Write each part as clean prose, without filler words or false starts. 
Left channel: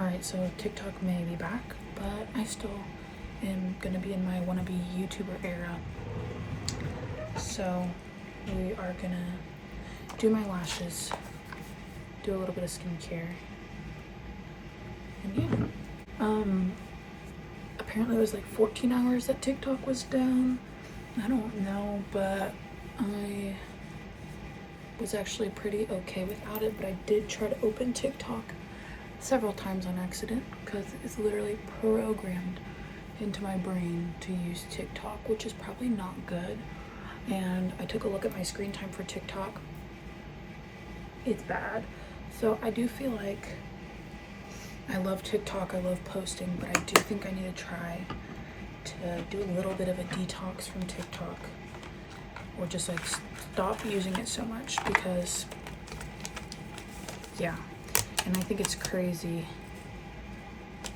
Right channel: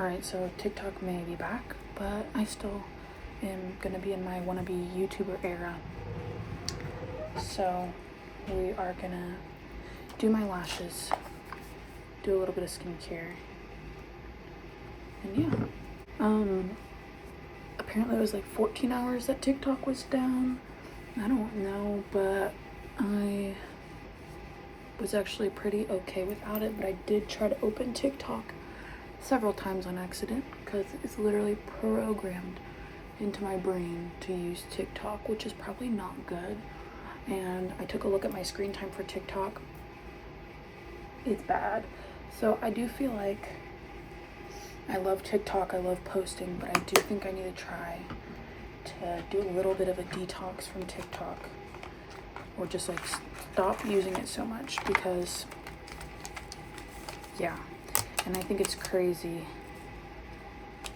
Alright, so TikTok may be back, but I still am gonna be in my wannabe YouTuber era. So we are gonna do my lashes, do a little bit of skincare, and yeah. Apparently it was like 14 hours that TikTok was down. I don't know, but I was actually pretty okay without it, but I did try to open TikTok several times on accident because it's literally programmed into my brain to use TikTok, which is probably not good. And I took a look at my screen time for TikTok. It's bad. So I do feel like I love TikTok, I love posting, but I do think I need to try to do a little bit of a detox from TikTok, or just like stop using it so much, because yeah. And I think it's crazy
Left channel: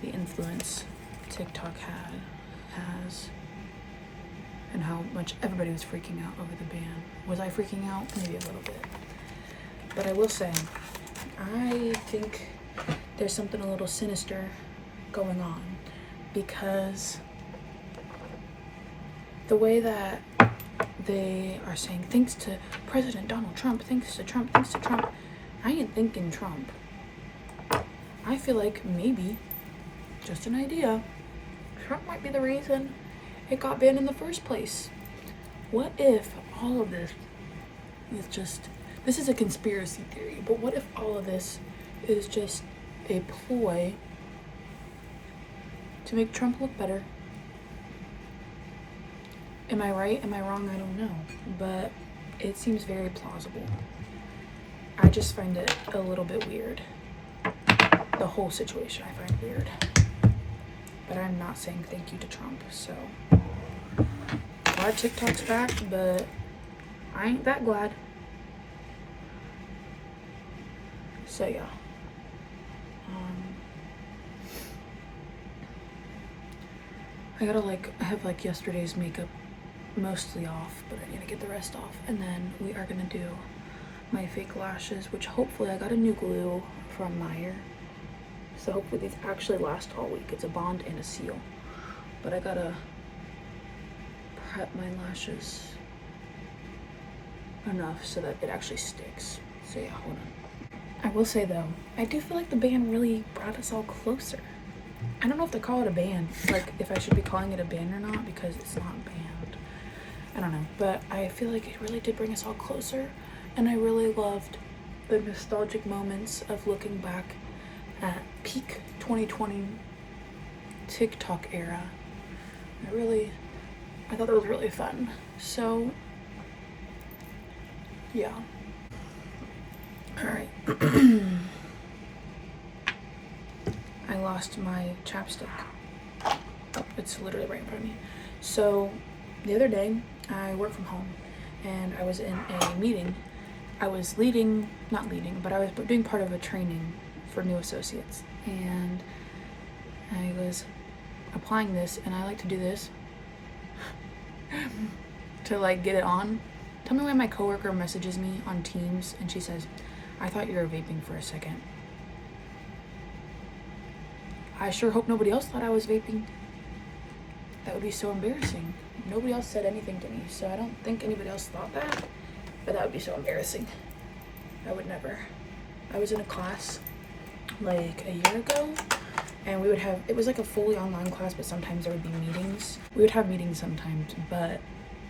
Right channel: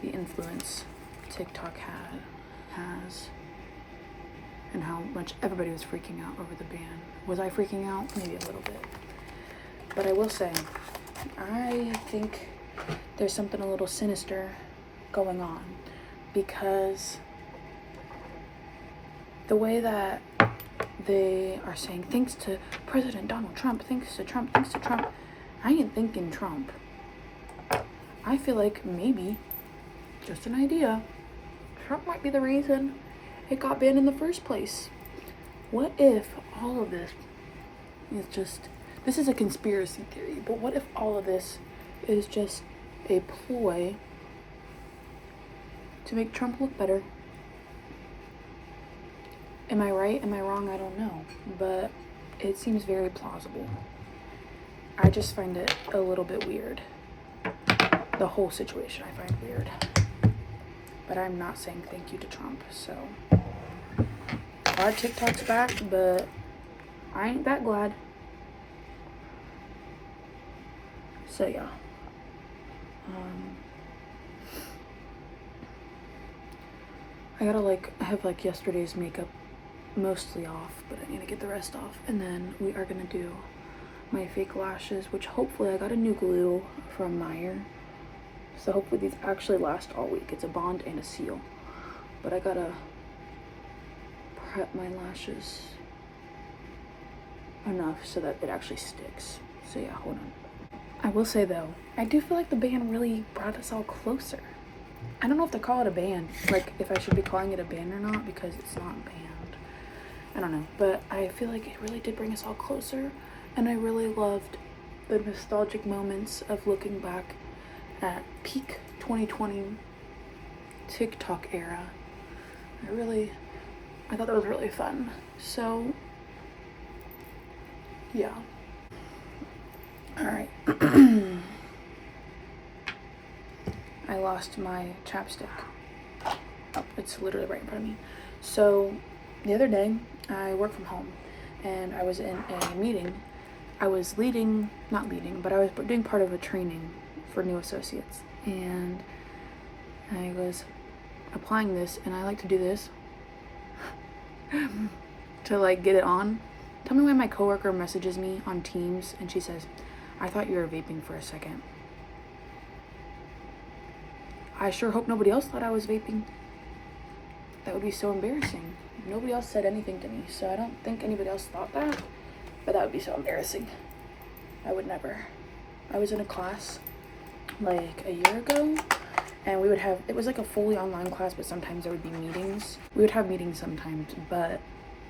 the influence TikTok has, and how much everybody was freaking out over the ban. Was I freaking out? Maybe a little bit. But I will say, I think there's something a little sinister going on, because the way that they are saying, thanks to President Donald Trump, thanks to Trump, thanks to Trump, I ain't thinking Trump. I feel like maybe, just an idea, Trump might be the reason it got banned in the first place. What if all of this is just, this is a conspiracy theory, but what if all of this is just a ploy to make Trump look better? Am I right? Am I wrong? I don't know, but it seems very plausible. I just find it a little bit weird. The whole situation I find weird. But I'm not saying thank you to Trump, so. Glad TikTok's back, but I ain't that glad. So yeah. I have like yesterday's makeup mostly off, but I need to get the rest off. And then we are gonna do my fake lashes, which hopefully I got a new glue from Meyer. So hopefully these actually last all week. It's a bond and a seal. But I gotta prep my lashes enough so that it actually sticks. So yeah, hold on. I will say though, I do feel like the band really brought us all closer. I don't know if they call it a band, like if I should be calling it a band or not, because it's not a band. I don't know, but I feel like it really did bring us all closer, and I really loved the nostalgic moments of looking back at peak 2020 TikTok era. I thought that was really fun. So yeah. All right. I lost my chapstick. Oh, it's literally right in front of me. So the other day I worked from home and I was in a meeting. I was not leading, but I was doing part of a training for new associates, and I was applying this, and I like to do this to like get it on. Tell me why my coworker messages me on Teams and she says, I thought you were vaping for a second. I sure hope nobody else thought I was vaping. That would be so embarrassing. Nobody else said anything to me, so I don't think anybody else thought that, but that would be so embarrassing. I would never. I was in a class like a year ago, and we would have, it was like a fully online class, but sometimes there would be meetings. We would have meetings sometimes, but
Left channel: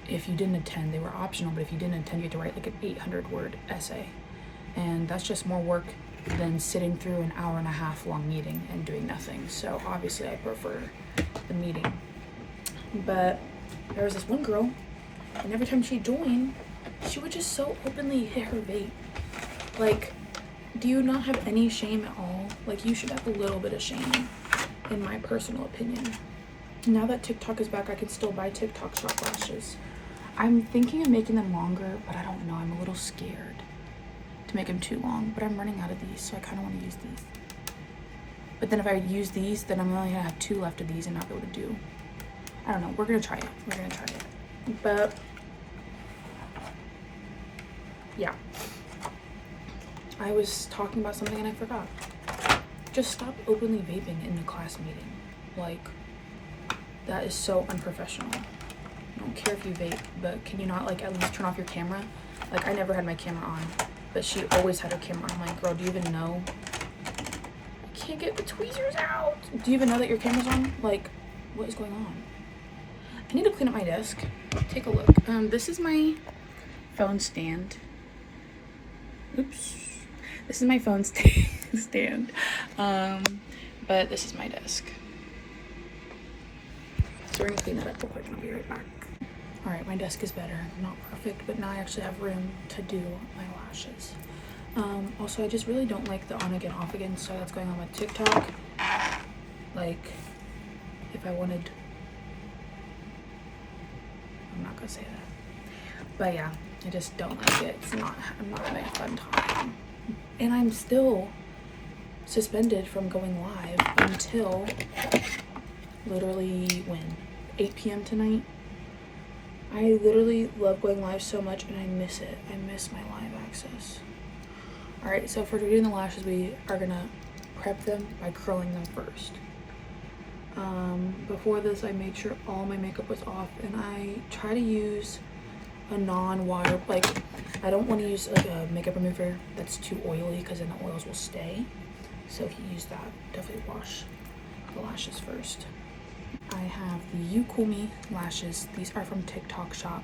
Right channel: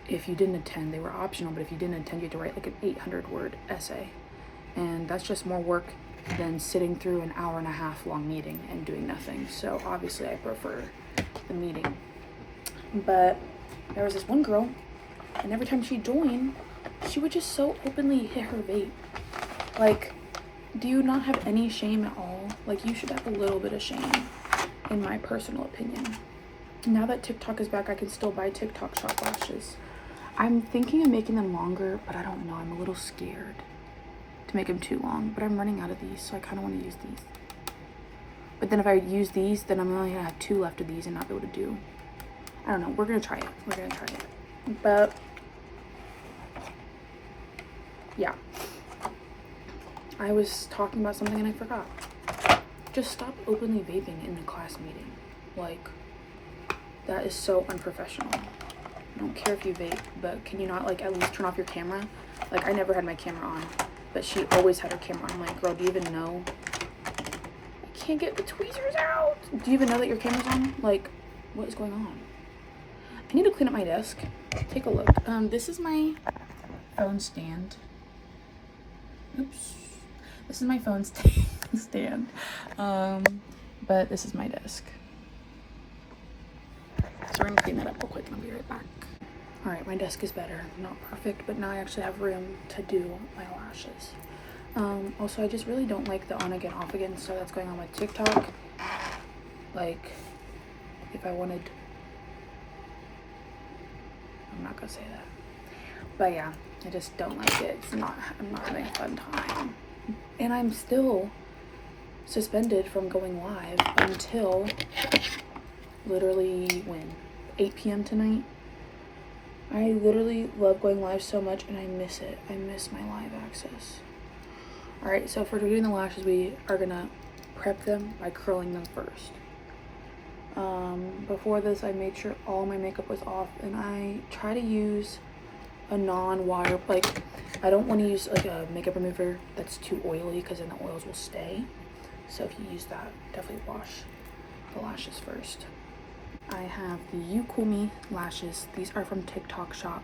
if you didn't attend, they were optional, but if you didn't attend, you had to write like an 800-word essay. And that's just more work than sitting through an hour-and-a-half long meeting and doing nothing. So obviously I prefer the meeting. But there was this one girl, and every time she joined, she would just so openly hit her vape. Like, do you not have any shame at all? Like, you should have a little bit of shame, in my personal opinion. Now that TikTok is back, I can still buy TikTok shop lashes. I'm thinking of making them longer, but I don't know. I'm a little scared to make them too long, but I'm running out of these, so I kind of want to use these. But then if I use these, then I'm only gonna have 2 left of these and not be able to do. I don't know. We're gonna try it. We're gonna try it. But yeah, I was talking about something and I forgot. just stop openly vaping in the class meeting. Like, that is so unprofessional. I don't care if you vape, but can you not like at least turn off your camera? Like, I never had my camera on, but she always had her camera on. I'm like, girl, do you even know? I can't get the tweezers out. Do you even know that your camera's on? Like, what is going on? I need to clean up my desk. Take a look. This is my phone stand. Oops. This is my phone stand. But this is my desk. So we're gonna clean that up real quick and I'll be right back. All right, my desk is better. Not perfect, but now I actually have room to do my lashes. Also, I just really don't like the on again, off again stuff that's going on with TikTok. Like, if I wanted, I'm not gonna say that. But yeah, I just don't like it. I'm not having a fun time. And I'm still suspended from going live until literally when? 8 p.m. tonight. I literally love going live so much and I miss it. I miss my live access. All right, so for doing the lashes, we are gonna prep them by curling them first. Before this, I made sure all my makeup was off, and I try to use a non-water, like, I don't want to use like a makeup remover that's too oily because then the oils will stay. So if you use that, definitely wash the lashes first. I have the You Cool Me lashes. These are from TikTok shop.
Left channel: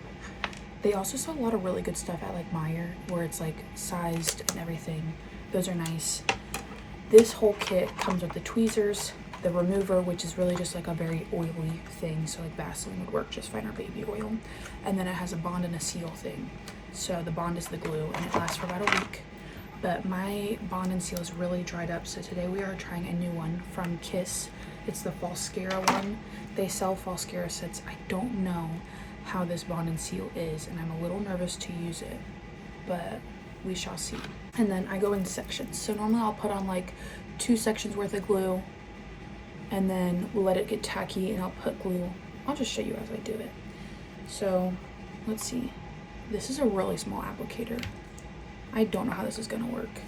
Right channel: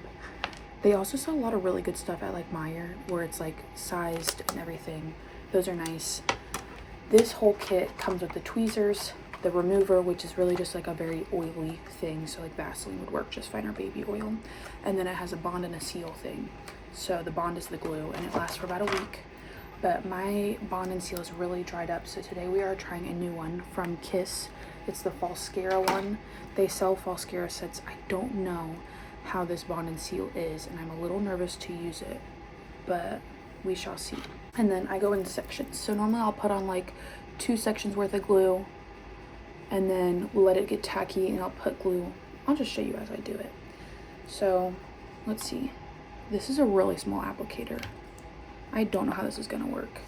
They also sell a lot of really good stuff at like Meyer, where it's like sized and everything. Those are nice. This whole kit comes with the tweezers, the remover, which is really just like a very oily thing, so like Vaseline would work just fine, or baby oil. And then it has a bond and a seal thing. So the bond is the glue and it lasts for about a week. But my bond and seal is really dried up, so today we are trying a new one from Kiss. It's the Falscara one. They sell Falscara sets. I don't know how this bond and seal is, and I'm a little nervous to use it, but we shall see. And then I go in sections. So normally I'll put on like 2 sections worth of glue and then we'll let it get tacky and I'll put glue. I'll just show you as I do it. So let's see. This is a really small applicator. I don't know how this is gonna work.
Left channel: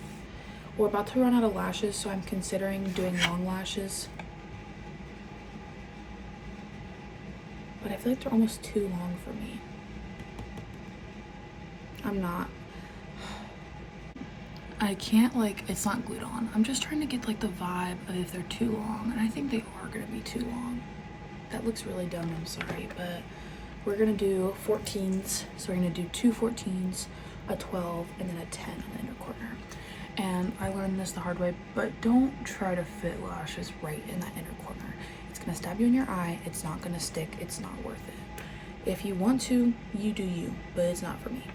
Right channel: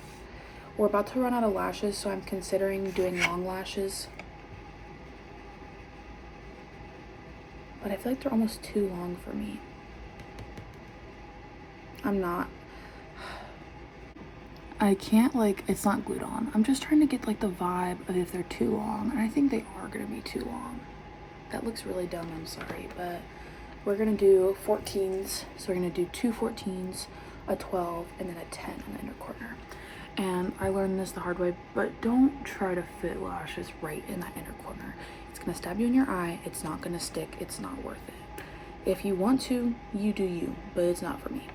We're about to run out of lashes, so I'm considering doing long lashes. But I feel like they're almost too long for me. I'm not. I can't, like, it's not glued on. I'm just trying to get like the vibe of if they're too long, and I think they are gonna be too long. That looks really dumb, I'm sorry, but we're gonna do 14s. So we're gonna do 2 14s, a 12, and then a 10 on the inner corner. And I learned this the hard way, but don't try to fit lashes right in that inner corner. It's gonna stab you in your eye. It's not gonna stick. It's not worth it. If you want to, you do you, but it's not for me.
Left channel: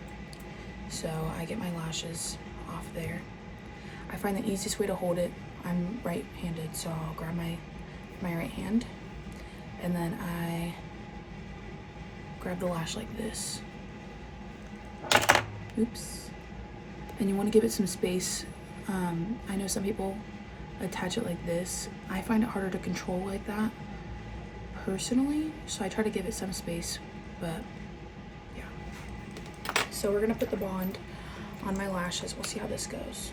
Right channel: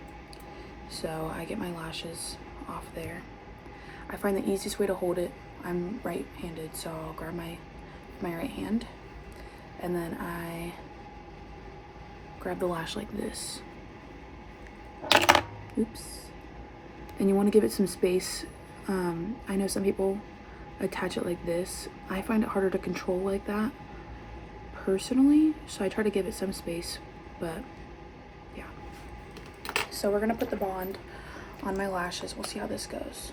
So I get my lashes off there. I find the easiest way to hold it, I'm right-handed, so I'll grab my right hand, and then I grab the lash like this. Oops. And you want to give it some space. I know some people attach it like this. I find it harder to control like that personally, so I try to give it some space, but yeah. So we're gonna put the bond on my lashes. We'll see how this goes.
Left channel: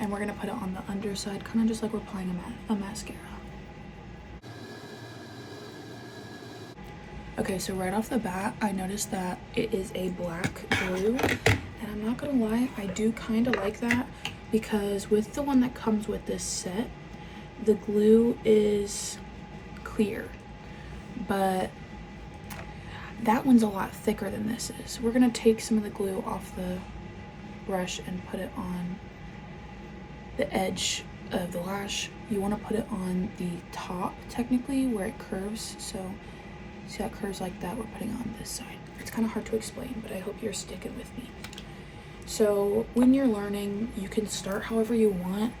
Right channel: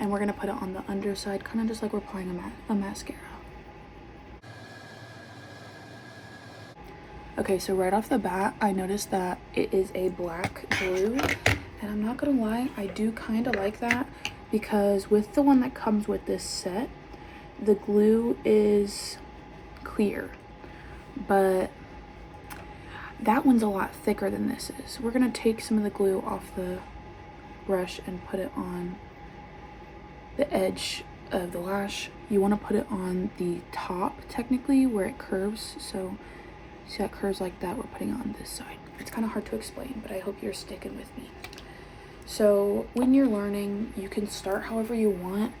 And we're gonna put it on the underside, kind of just like we're applying a mascara. Okay, so right off the bat, I noticed that it is a black glue, and I'm not gonna lie, I do kind of like that, because with the one that comes with this set, the glue is clear, but that one's a lot thicker than this is. We're gonna take some of the glue off the brush and put it on the edge of the lash. You want to put it on the top, technically, where it curves. So see how it curves like that? We're putting it on this side. It's kind of hard to explain, but I hope you're sticking with me. So when you're learning, you can start however you want,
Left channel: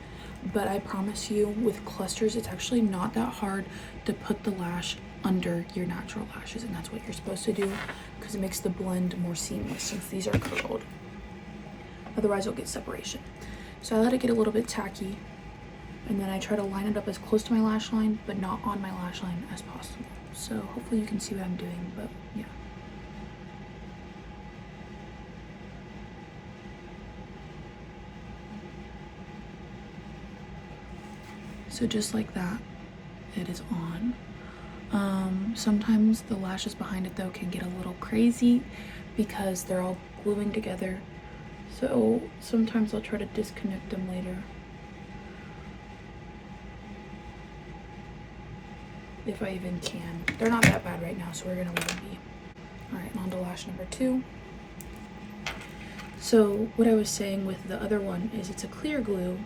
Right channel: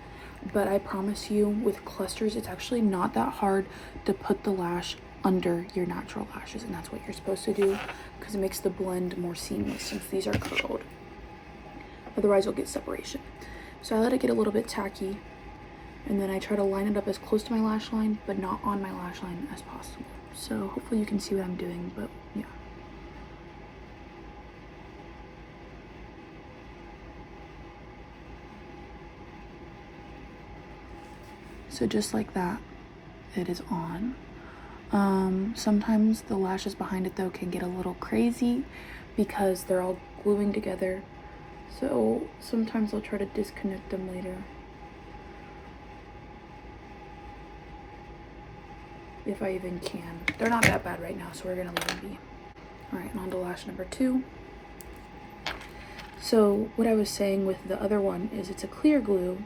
but I promise you, with clusters, it's actually not that hard to put the lash under your natural lashes, and that's what you're supposed to do, because it makes the blend more seamless since these are curled. Otherwise you'll get separation. So I let it get a little bit tacky, and then I try to line it up as close to my lash line, but not on my lash line as possible. So hopefully you can see what I'm doing, but yeah. So just like that, it is on. Sometimes the lashes behind it though can get a little crazy because they're all gluing together. So sometimes I'll try to disconnect them later, if I even can. They're not that bad right now, so we're gonna leave them be. All right, and on to lash number 2. So what I was saying with the other one is it's a clear glue,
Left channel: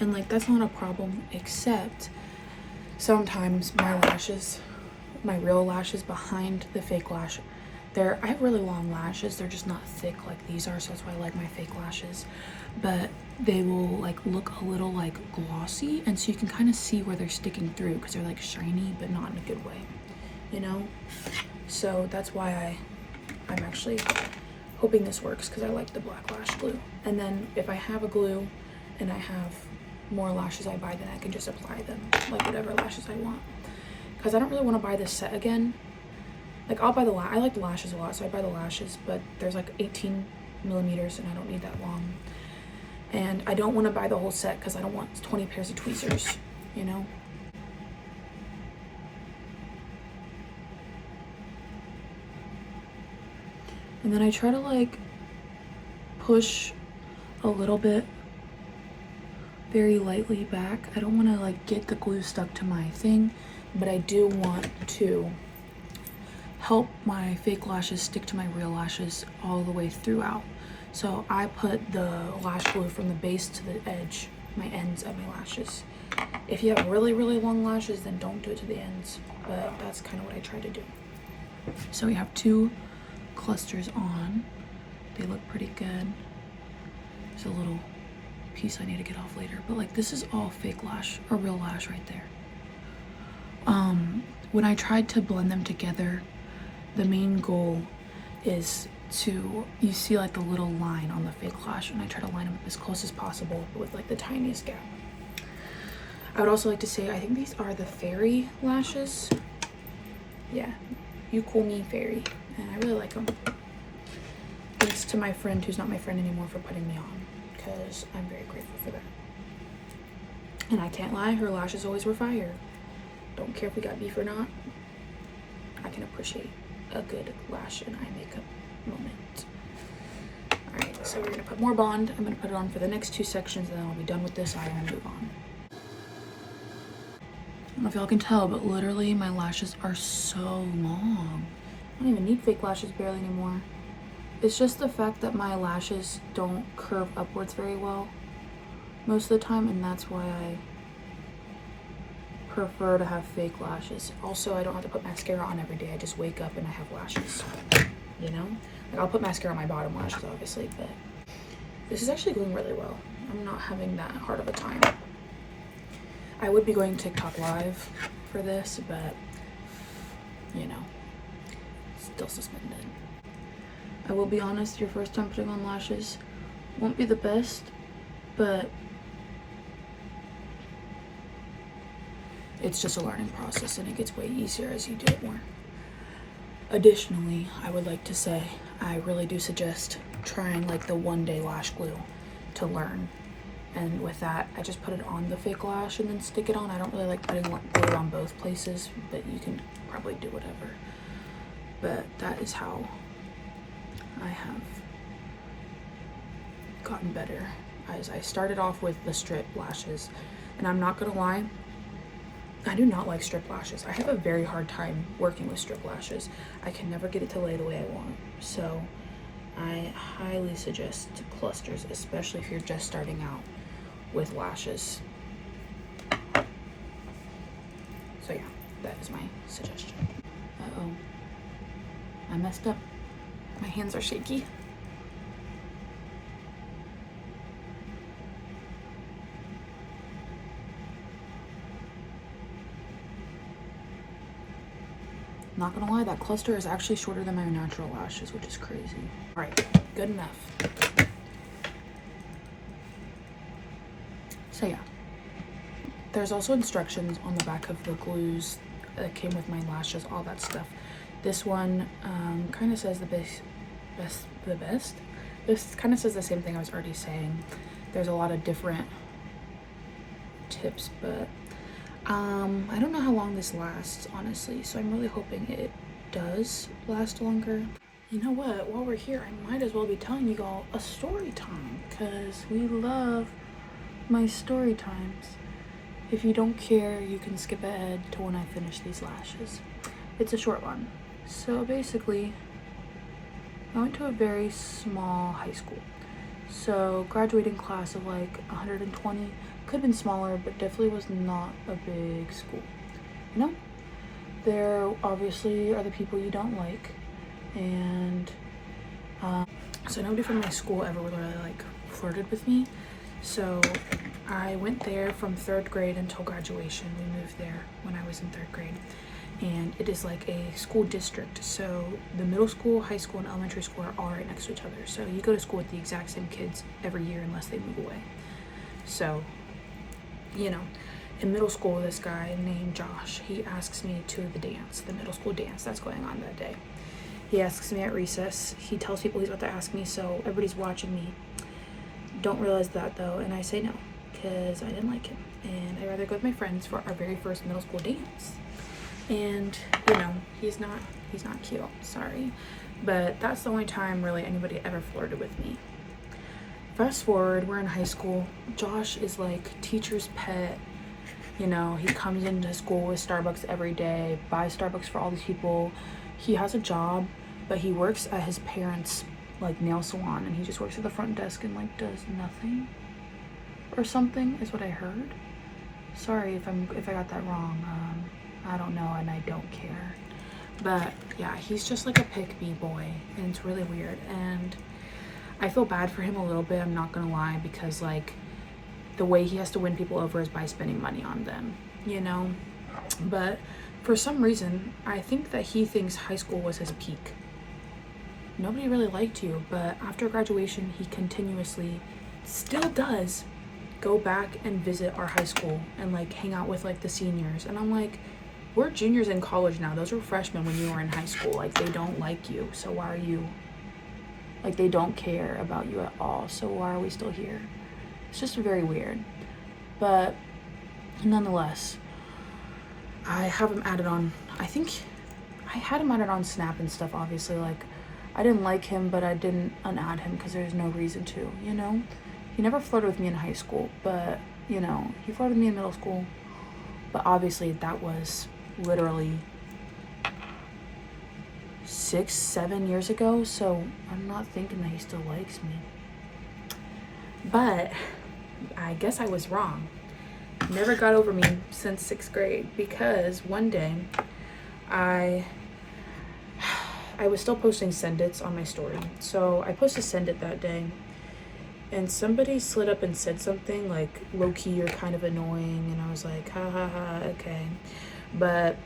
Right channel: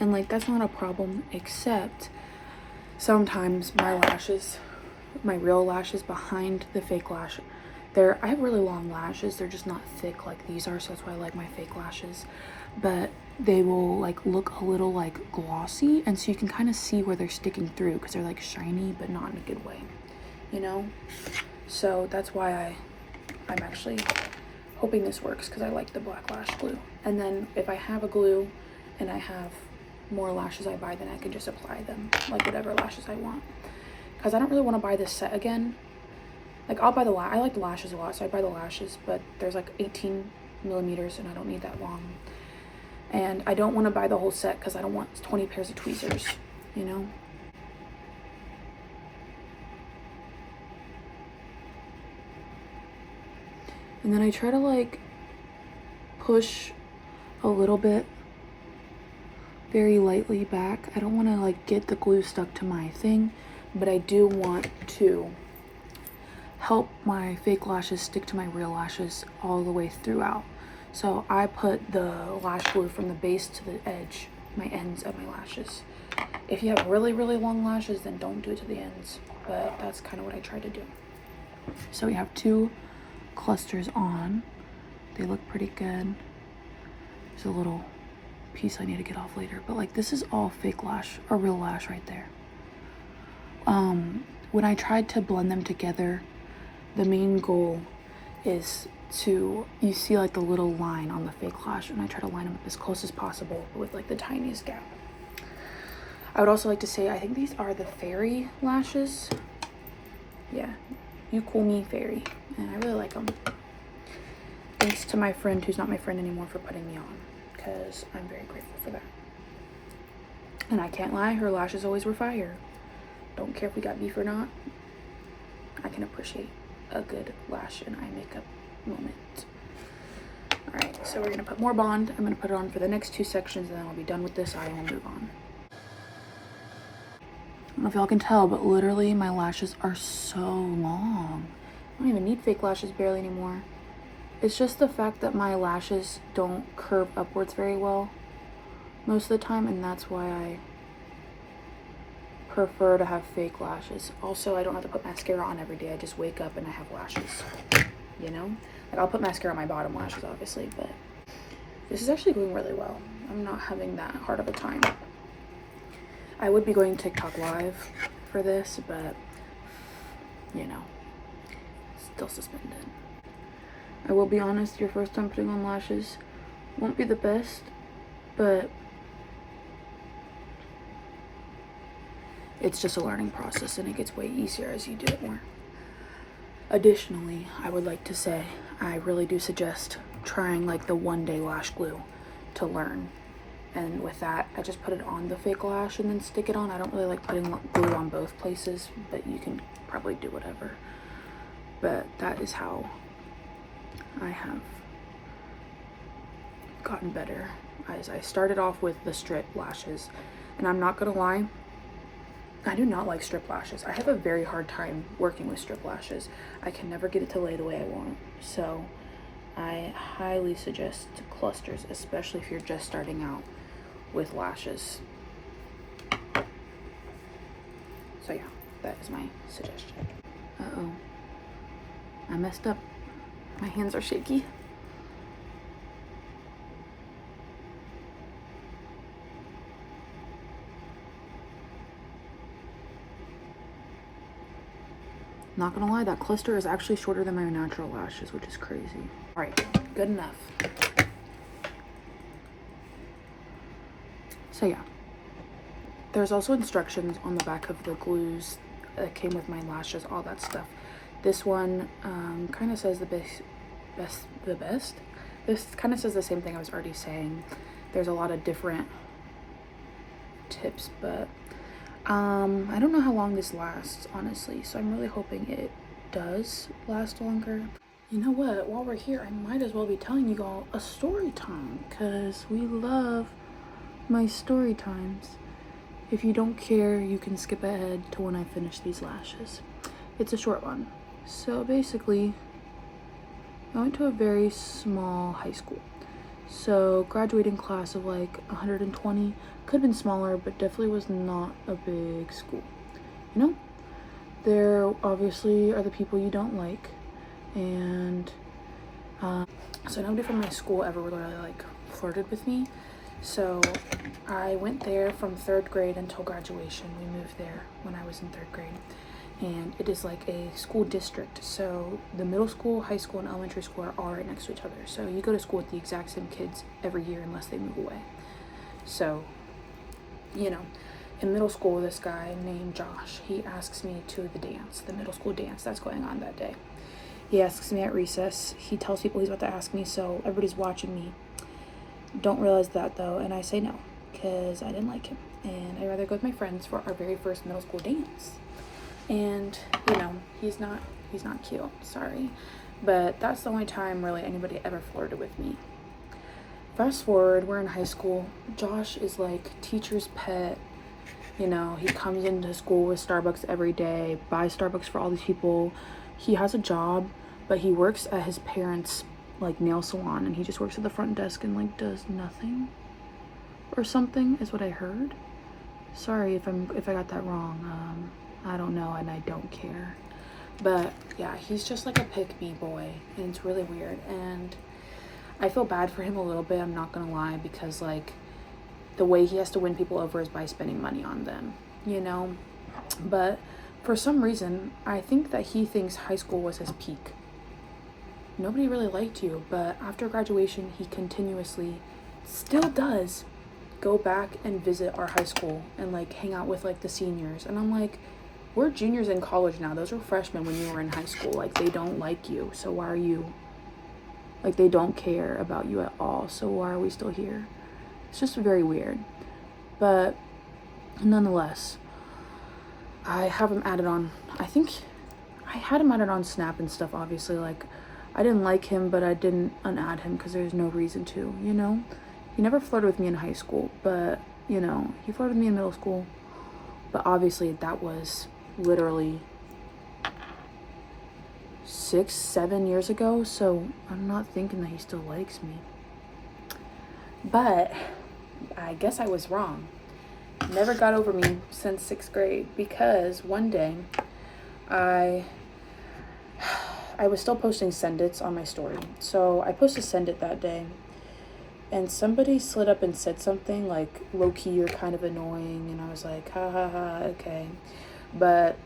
and like that's not a problem, except sometimes my lashes, my real lashes behind the fake lash, I have really long lashes. They're just not thick like these are, so that's why I like my fake lashes. But they will like look a little like glossy, and so you can kind of see where they're sticking through because they're like shiny, but not in a good way, you know? So that's why I'm actually hoping this works, because I like the black lash glue. And then if I have a glue and I have more lashes I buy, then I can just apply them, like whatever lashes I want. Because I don't really want to buy this set again. Like I'll buy I like the lashes a lot, so I buy the lashes, but there's like 18 millimeters and I don't need that long. And I don't want to buy the whole set because I don't want 20 pairs of tweezers, you know? And then I try to like push a little bit very lightly back. I don't want to like get the glue stuck to my thing, but I do want to help my fake lashes stick to my real lashes all the way throughout. So I put the lash glue from the base to the edge, my ends of my lashes. If you have really, really long lashes, then don't do it to the ends, but that's kind of what I tried to do. So we have 2 clusters on. They look pretty good. There's a little piece I need to get off later, but like this is all fake lash or real lash right there. When I tried to blend them together, the main goal is to, you see like the little line on the fake lash, and I try to line them up as close as possible with like the tiniest gap. I would also like to say, I think these are the fairy lashes. Yeah, you call me fairy, and I really like them. Thanks to my friend who's not my friend anymore for putting me on, because I'm very grateful for that. And I can't lie, her lashes always were fire. Don't care if we got beef or not. I can appreciate a good lash and eye makeup moment. All right, so we're gonna put more bond. I'm gonna put it on for the next 2 sections, and then I'll be done with this eye and we'll move on. I don't know if y'all can tell, but literally my lashes are so long. I don't even need fake lashes barely anymore. It's just the fact that my lashes don't curve upwards very well most of the time, and that's why I prefer to have fake lashes. Also, I don't have to put mascara on every day. I just wake up and I have lashes, you know? Like I'll put mascara on my bottom lashes obviously, but this is actually going really well. I'm not having that hard of a time. I would be going TikTok live for this, but you know, still suspended. I will be honest, your first time putting on lashes won't be the best, but it's just a learning process and it gets way easier as you do it more. Additionally, I would like to say I really do suggest trying like the 1-day lash glue to learn. And with that, I just put it on the fake lash and then stick it on. I don't really like putting glue on both places, but you can probably do whatever. But that is how I have gotten better. As I started off with the strip lashes, and I'm not gonna lie, I do not like strip lashes. I have a very hard time working with strip lashes. I can never get it to lay the way I want. So I highly suggest clusters, especially if you're just starting out with lashes. So yeah, that is my suggestion. Uh-oh, I messed up. My hands are shaky. Not gonna lie, that cluster is actually shorter than my natural lashes, which is crazy. All right, good enough. So yeah, there's also instructions on the back of the glues that came with my lashes, all that stuff. This one kind of says the best. This kind of says the same thing I was already saying. There's a lot of different tips, but I don't know how long this lasts, honestly, so I'm really hoping it does last longer. You know what, while we're here, I might as well be telling you all a story time, because we love my story times. If you don't care, you can skip ahead to when I finish these lashes. It's a short one. So basically, I went to a very small high school. So graduating class of like 120, could have been smaller, but definitely was not a big school. You know? There obviously are the people you don't like, and so nobody from my school ever really like flirted with me. So I went there from 3rd grade until graduation. We moved there when I was in 3rd grade, and it is like a school district. So the middle school, high school, and elementary school are all right next to each other. So you go to school with the exact same kids every year unless they move away. So, you know, in middle school, this guy named Josh, he asks me to the dance, the middle school dance that's going on that day. He asks me at recess. He tells people he's about to ask me, so everybody's watching me. Don't realize that though, and I say no, because I didn't like him, and I'd rather go with my friends for our very first middle school dance. And you know, he's not cute, sorry, but that's the only time really anybody ever flirted with me. Fast forward, we're in high school. Josh is like teacher's pet. You know, he comes into school with Starbucks every day, buys Starbucks for all these people. He has a job, but he works at his parents' like nail salon, and he just works at the front desk and like does nothing or something is what I heard. Sorry if I got that wrong. I don't know, and I don't care. But yeah, he's just like a pick-me boy, and it's really weird, and I feel bad for him a little bit, I'm not gonna lie, because like the way he has to win people over is by spending money on them, you know? But for some reason, I think that he thinks high school was his peak. Nobody really liked you, but after graduation, he continuously still does go back and visit our high school and like hang out with like the seniors. And I'm like, we're juniors in college now. Those were freshmen when you were in high school. Like, they don't like you, so why are you, like, they don't care about you at all, so why are we still here? It's just very weird. But nonetheless, I have him added on, I think I had him added on Snap and stuff, obviously. Like, I didn't like him, but I didn't unadd him because there's no reason to, you know? He never flirted with me in high school, but, you know, he flirted with me in middle school. But obviously that was literally 6-7 years ago, so I'm not thinking that he still likes me. But I guess I was wrong. Never got over me since 6th grade, because one day I was still posting send its on my story. So I posted send it that day, and somebody slid up and said something like low-key or kind of annoying, and I was like, ha ha ha, okay. But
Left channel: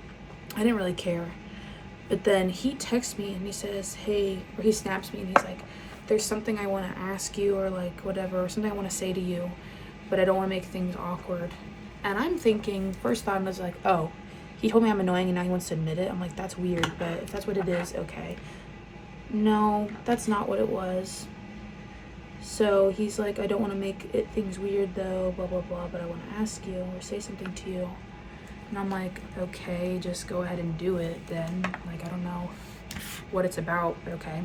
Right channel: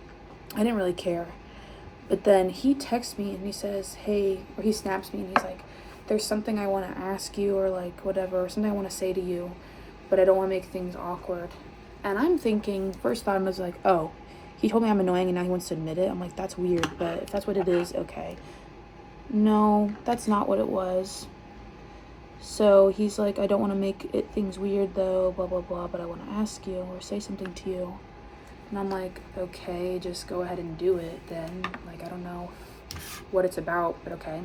I didn't really care. But then he texts me and he says, hey, or he snaps me and he's like, there's something I want to ask you, or like whatever, or something I want to say to you, but I don't want to make things awkward. And I'm thinking, first thought was like, oh, he told me I'm annoying and now he wants to admit it. I'm like, that's weird, but if that's what it is, okay. No, that's not what it was. So he's like, I don't want to make things weird though, blah, blah, blah, but I want to ask you or say something to you. And I'm like, okay, just go ahead and do it then. Like, I don't know what it's about, but okay.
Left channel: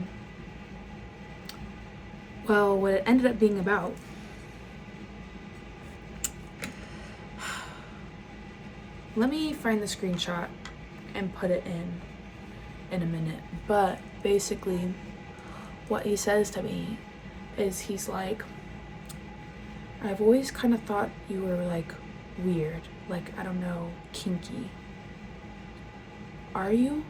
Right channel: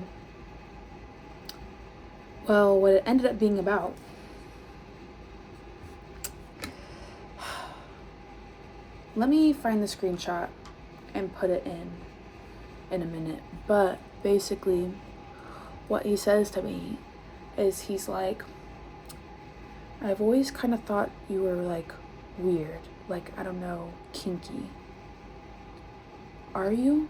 Well, what it ended up being about, let me find the screenshot and put it in a minute. But basically what he says to me is, he's like, I've always kind of thought you were like weird, like, I don't know, kinky. Are you?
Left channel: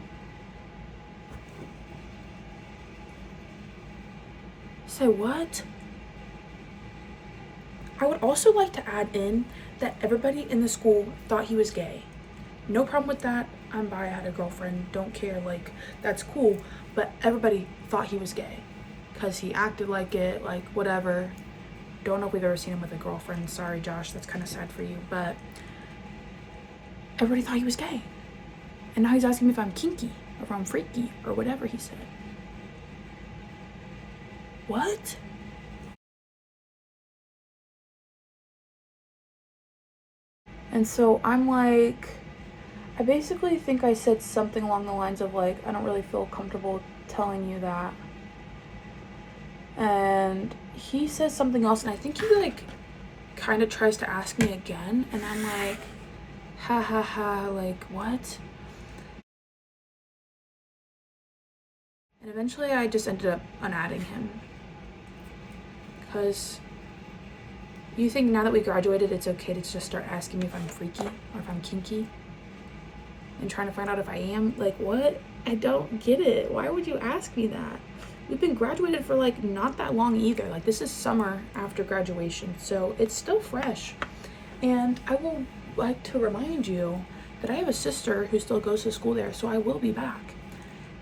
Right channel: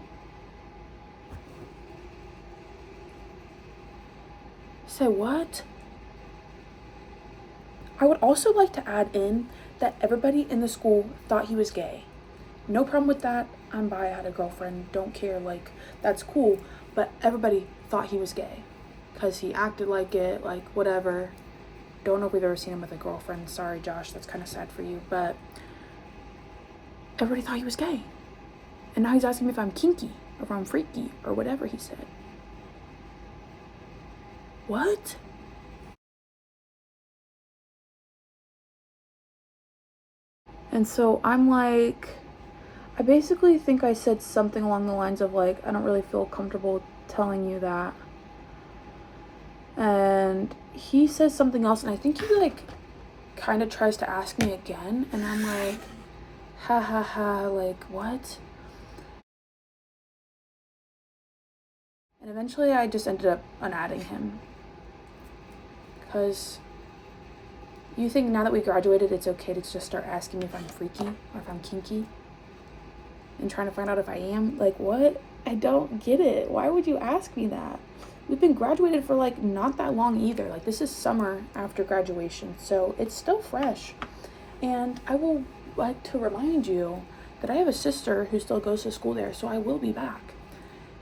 Say what? I would also like to add in that everybody in the school thought he was gay. No problem with that. I'm bi, I had a girlfriend, don't care, like, that's cool. But everybody thought he was gay because he acted like it, like, whatever. Don't know if we've ever seen him with a girlfriend. Sorry, Josh, that's kind of sad for you. But everybody thought he was gay. And now he's asking me if I'm kinky or if I'm freaky or whatever he said. What? And so I'm like, I basically think I said something along the lines of like, I don't really feel comfortable telling you that. And he says something else, and I think he like kind of tries to ask me again, and I'm like, ha ha ha, like what? And eventually I just ended up unadding him, because you think now that we graduated it's okay to just start asking me if I'm freaky or if I'm kinky and trying to find out if I am. Like, what? I don't get it. Why would you ask me that? We've been graduated for like not that long either. Like, this is summer after graduation, so it's still fresh. And I will like to remind you that I have a sister who still goes to school there, so I will be back.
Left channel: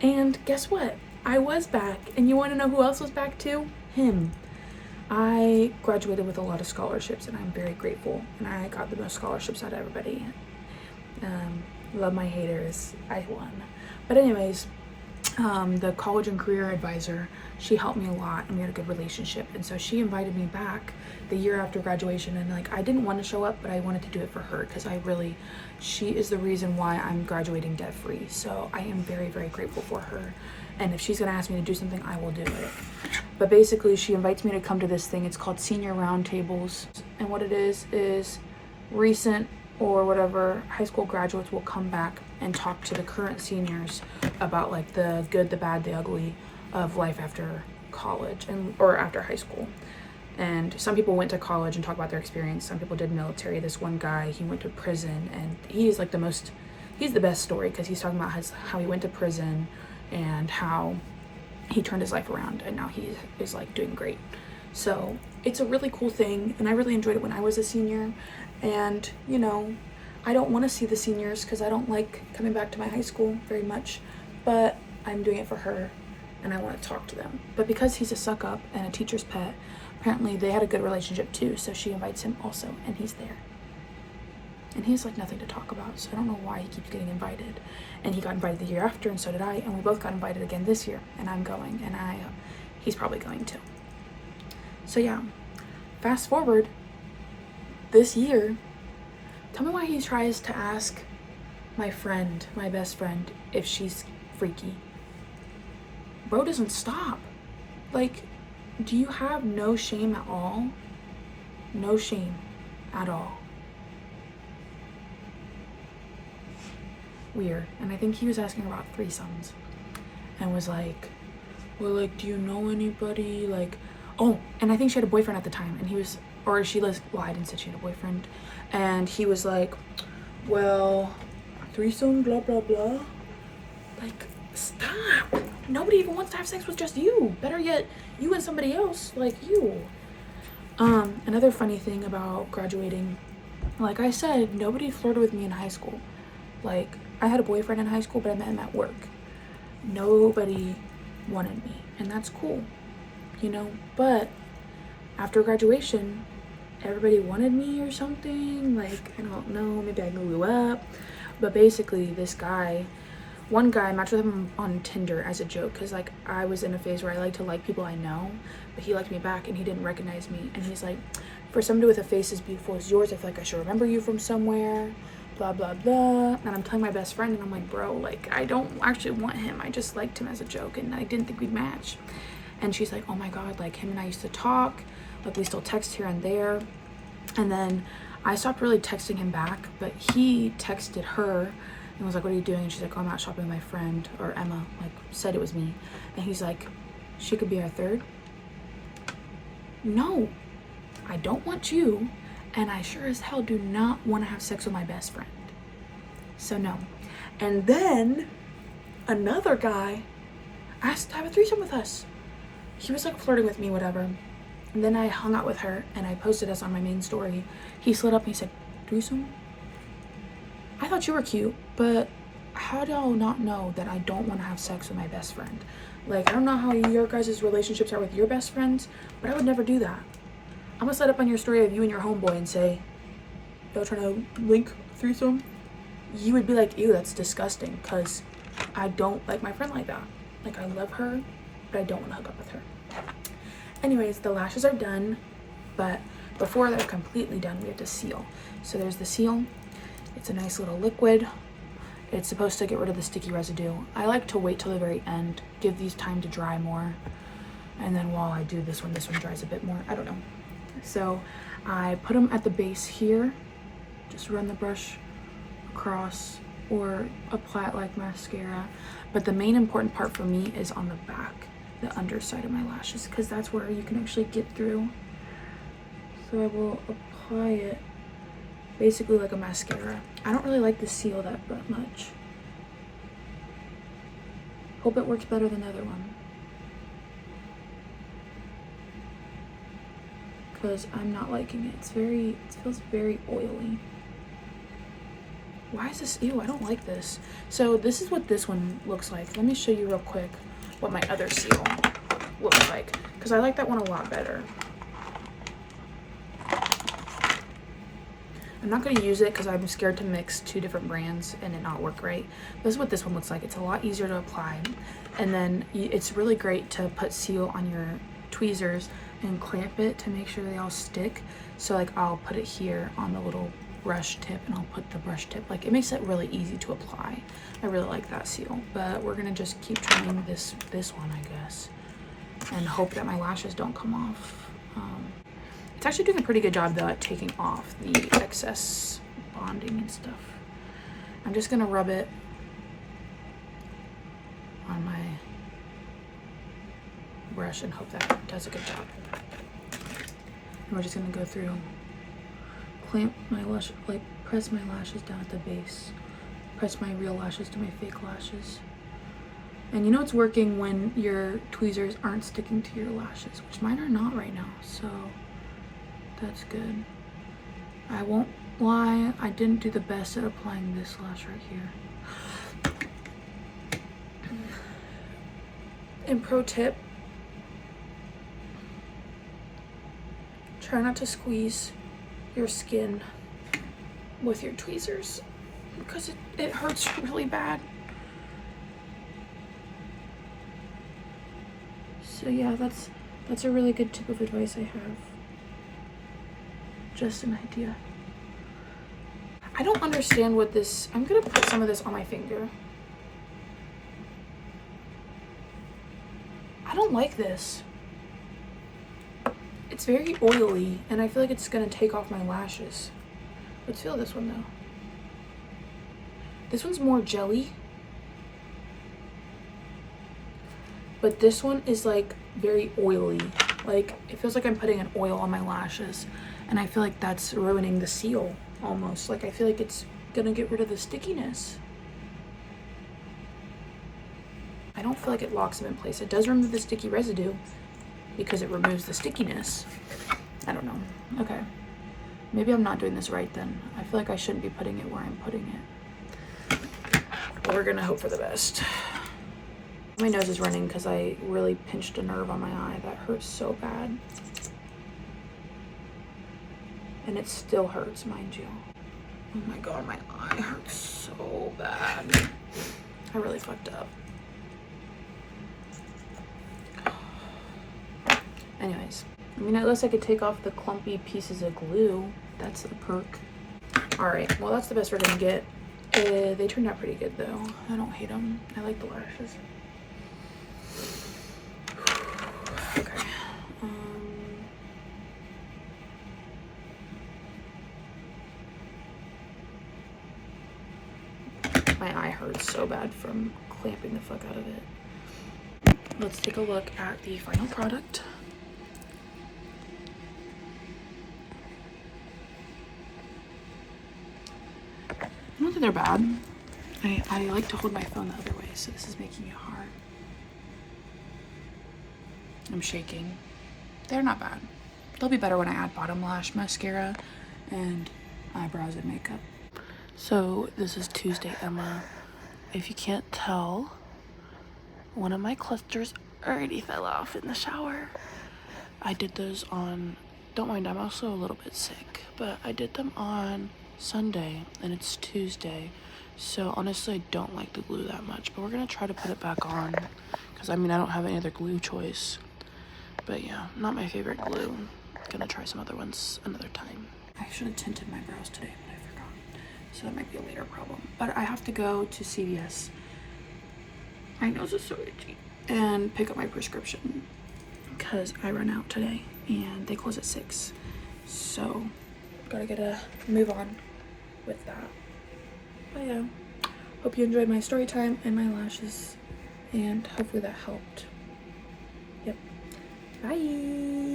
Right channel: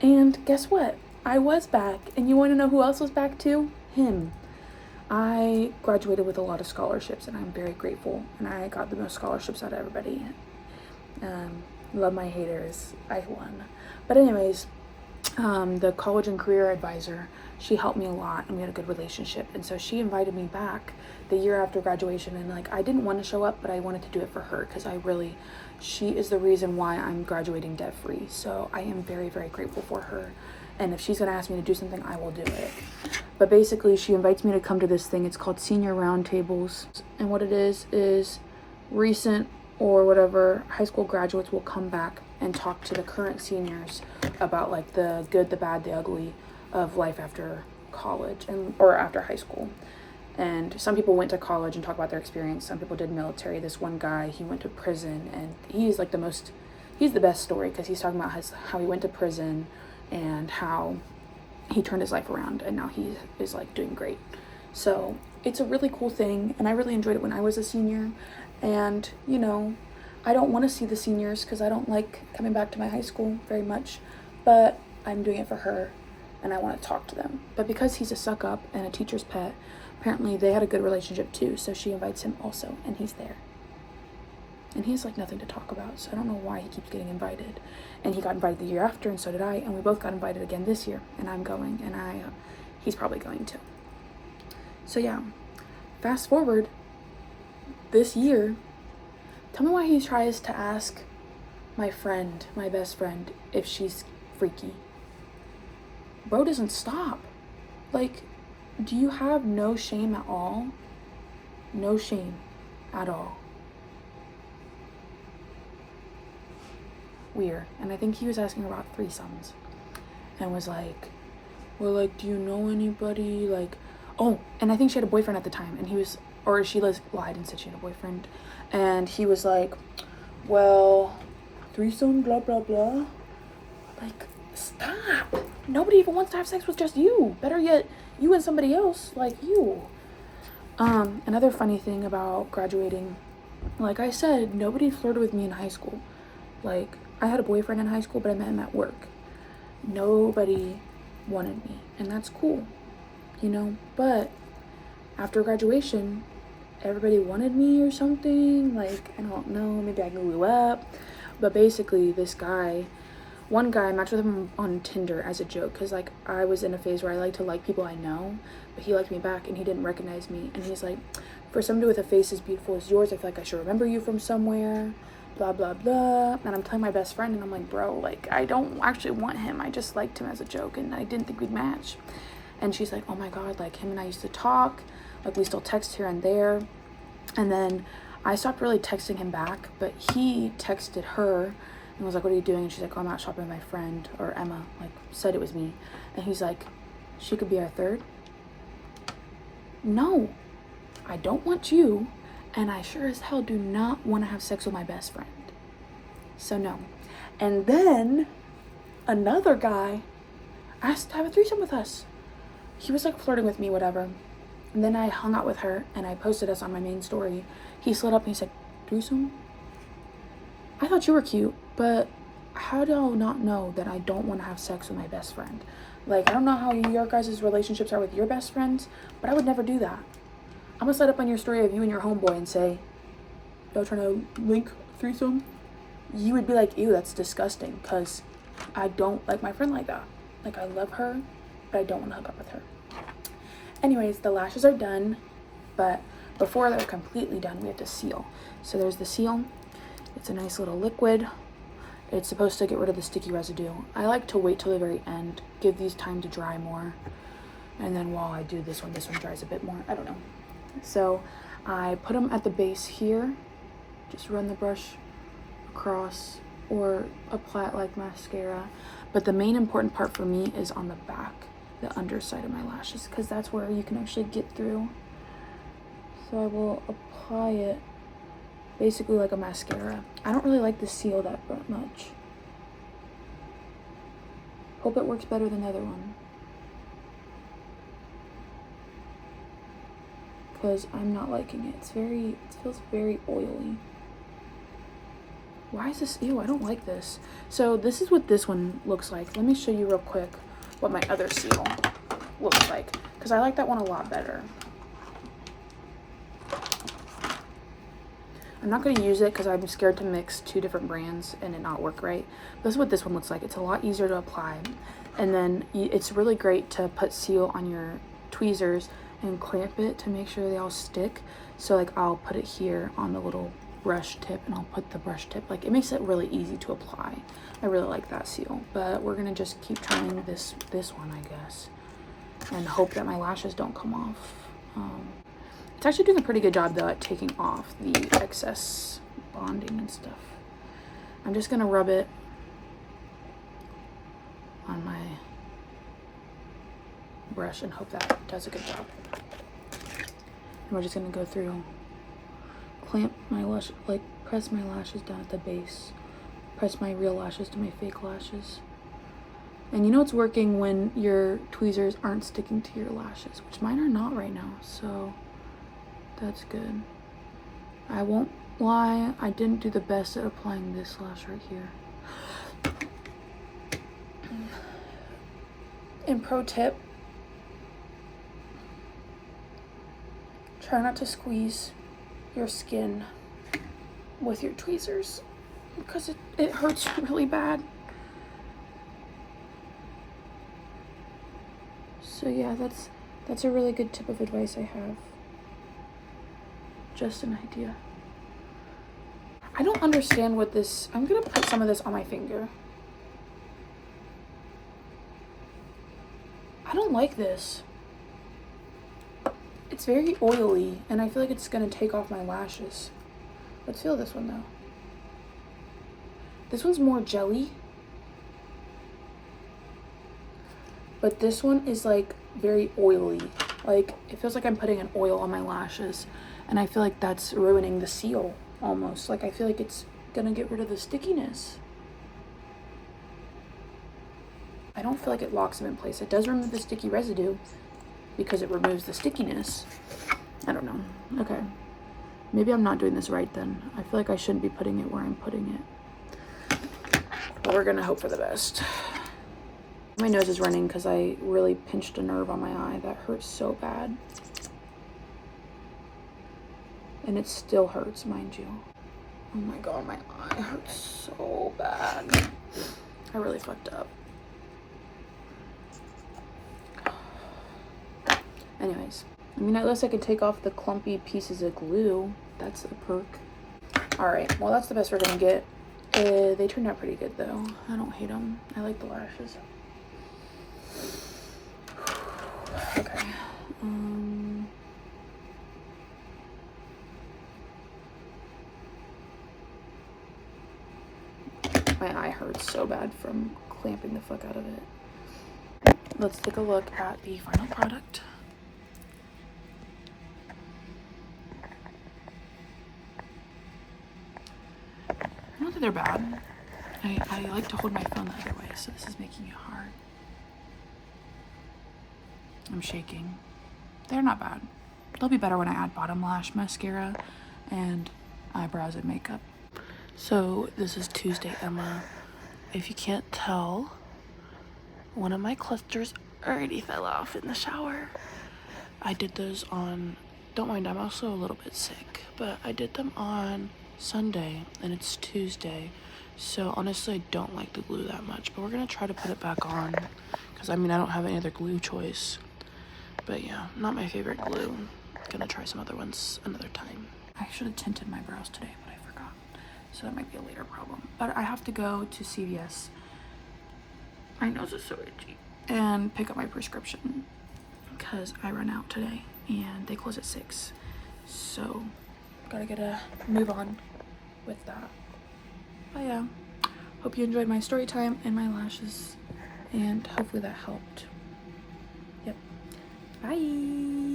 And guess what? I was back. And you want to know who else was back too? Him. I graduated with a lot of scholarships, and I'm very grateful. And I got the most scholarships out of everybody. Love my haters. I won. But anyways, the college and career advisor, she helped me a lot, and we had a good relationship. And so she invited me back the year after graduation, and like, I didn't want to show up, but I wanted to do it for her, because she is the reason why I'm graduating debt free. So I am very, very grateful for her. And if she's gonna ask me to do something, I will do it. But basically, she invites me to come to this thing. It's called Senior Roundtables. And what it is recent or whatever high school graduates will come back and talk to the current seniors about like the good, the bad, the ugly of life after college or after high school. And some people went to college and talk about their experience. Some people did military. This one guy, he went to prison, and he's like he's the best story, because he's talking about how he went to prison and how he turned his life around, and now he is like doing great. So it's a really cool thing, and I really enjoyed it when I was a senior. And you know, I don't want to see the seniors because I don't like coming back to my high school very much, but I'm doing it for her, and I want to talk to them. But because he's a suck up and a teacher's pet, apparently they had a good relationship too, so she invites him also, and he's there. And he has like nothing to talk about, so I don't know why he keeps getting invited. And he got invited the year after, and so did I, and we both got invited again this year, and I'm going, and he's probably going too. So yeah, fast forward this year, tell me why he tries to ask my friend, my best friend, if she's freaky. Bro doesn't stop. Like, do you have no shame at all? No shame at all. Weird. And I think he was asking her about threesomes, and was like, well, like, do you know anybody? Like, oh, and I think she had a boyfriend at the time, and he was, or she lied and said she had a boyfriend, and he was like, well, threesome, blah blah blah. Like, stop. Nobody even wants to have sex with just you. Better yet, you and somebody else, like you. Another funny thing about graduating, like I said, nobody flirted with me in high school. Like, I had a boyfriend in high school, but I met him at work. Nobody wanted me, and that's cool, you know. But after graduation, everybody wanted me or something. Like, I don't know, maybe I grew up. But basically, one guy, I matched with him on Tinder as a joke, because like I was in a phase where I like to like people I know, but he liked me back and he didn't recognize me. And he's like, for somebody with a face as beautiful as yours, I feel like I should remember you from somewhere, blah blah blah. And I'm telling my best friend, and I'm like, bro, like, I don't actually want him, I just liked him as a joke, and I didn't think we'd match. And she's like, oh my god, like, him and I used to talk, like, we still text here and there. And then I stopped really texting him back, but he texted her and was like, what are you doing? And she's like, oh, I'm out shopping with my friend, or Emma, like, said it was me. And he's like, she could be our third? No, I don't want you, and I sure as hell do not want to have sex with my best friend. So no. And then another guy asked to have a threesome with us. He was like flirting with me, whatever. And then I hung out with her, and I posted us on my main story. He slid up and he said, threesome? I thought you were cute, but how do I not know that I don't want to have sex with my best friend? Like, I don't know how your guys' relationships are with your best friends, but I would never do that. I'm gonna slide up on your story of you and your homeboy and say, y'all trying to link threesome? You would be like, ew, that's disgusting, because I don't like my friend like that. Like, I love her, but I don't want to hook up with her. Anyways, the lashes are done, but before they're completely done, we have to seal. So there's the seal, It's a nice little liquid. It's supposed to get rid of the sticky residue. I like to wait till the very end, give these time to dry more. And then while I do this one dries a bit more. I don't know. So I put them at the base here. Just run the brush across or apply it like mascara. But the main important part for me is on the back, the underside of my lashes, because that's where you can actually get through. So I will apply it basically like a mascara. I don't really like the seal that much. Hope it works better than the other one, because I'm not liking it. It feels very oily. Why is this? Ew, I don't like this. So this is what this one looks like. Let me show you real quick what my other seal looks like, because I like that one a lot better. I'm not going to use it because I'm scared to mix two different brands and it not work right. This is what this one looks like. It's a lot easier to apply. And then it's really great to put seal on your tweezers and clamp it to make sure they all stick. So like I'll put it here on the little brush tip and I'll put the brush tip. Like it makes it really easy to apply. I really like that seal. But we're going to just keep trying this one, I guess. And hope that my lashes don't come off. It's actually doing a pretty good job though at taking off the excess bonding and stuff. I'm just gonna rub it on my brush and hope that does a good job. And we're just gonna go through, clamp my lash, like press my lashes down at the base, press my real lashes to my fake lashes. And you know it's working when your tweezers aren't sticking to your lashes, which mine are not right now, so that's good. I won't lie, I didn't do the best at applying this lash right here. And pro tip, try not to squeeze your skin with your tweezers because it hurts really bad. So yeah, that's a really good tip of advice I have. Just an idea. I don't understand what this, I'm gonna put some of this on my finger. I don't like this. It's very oily and I feel like it's gonna take off my lashes. Let's feel this one though. This one's more jelly. But this one is like very oily. Like it feels like I'm putting an oil on my lashes. And I feel like that's ruining the seal almost. Like I feel like it's gonna get rid of the stickiness. I don't feel like it locks them in place. It does remove the sticky residue because it removes the stickiness. I don't know. Okay. Maybe I'm not doing this right then. I feel like I shouldn't be putting it where I'm putting it. But we're gonna hope for the best. My nose is running because I really pinched a nerve on my eye. That hurts so bad. And it still hurts, mind you. Oh my god, my eye hurts so bad. I really fucked up. Anyways, I mean, at least I could take off the clumpy pieces of glue. That's a perk. All right, well, that's the best we're gonna get. They turned out pretty good though. I don't hate them. I like the lashes. Okay. My eye hurts so bad from clamping the fuck out of it. Let's take a look at the final product. I don't think they're bad. I like to hold my phone the other way, so this is making it hard. I'm shaking. They're not bad. They'll be better when I add bottom lash mascara and eyebrows and makeup. So this is Tuesday, Emma. If you can't tell, one of my clusters already fell off in the shower. I did those on, don't mind, I'm also a little bit sick, but I did them on Sunday and it's Tuesday. So honestly, I don't like the glue that much, but we're gonna try to put it back on because I mean, I don't have any other glue choice. But yeah, not my favorite glue. Gonna try some other ones another time. I should have tinted my brows today, but I forgot. so that might be a later problem. But I have to go to CVS. My nose is so itchy. And pick up my prescription because I run out today and they close at 6. So gotta get a move on with that. But yeah, hope you enjoyed my story time and my lashes, and hopefully that helped. Yep. Bye.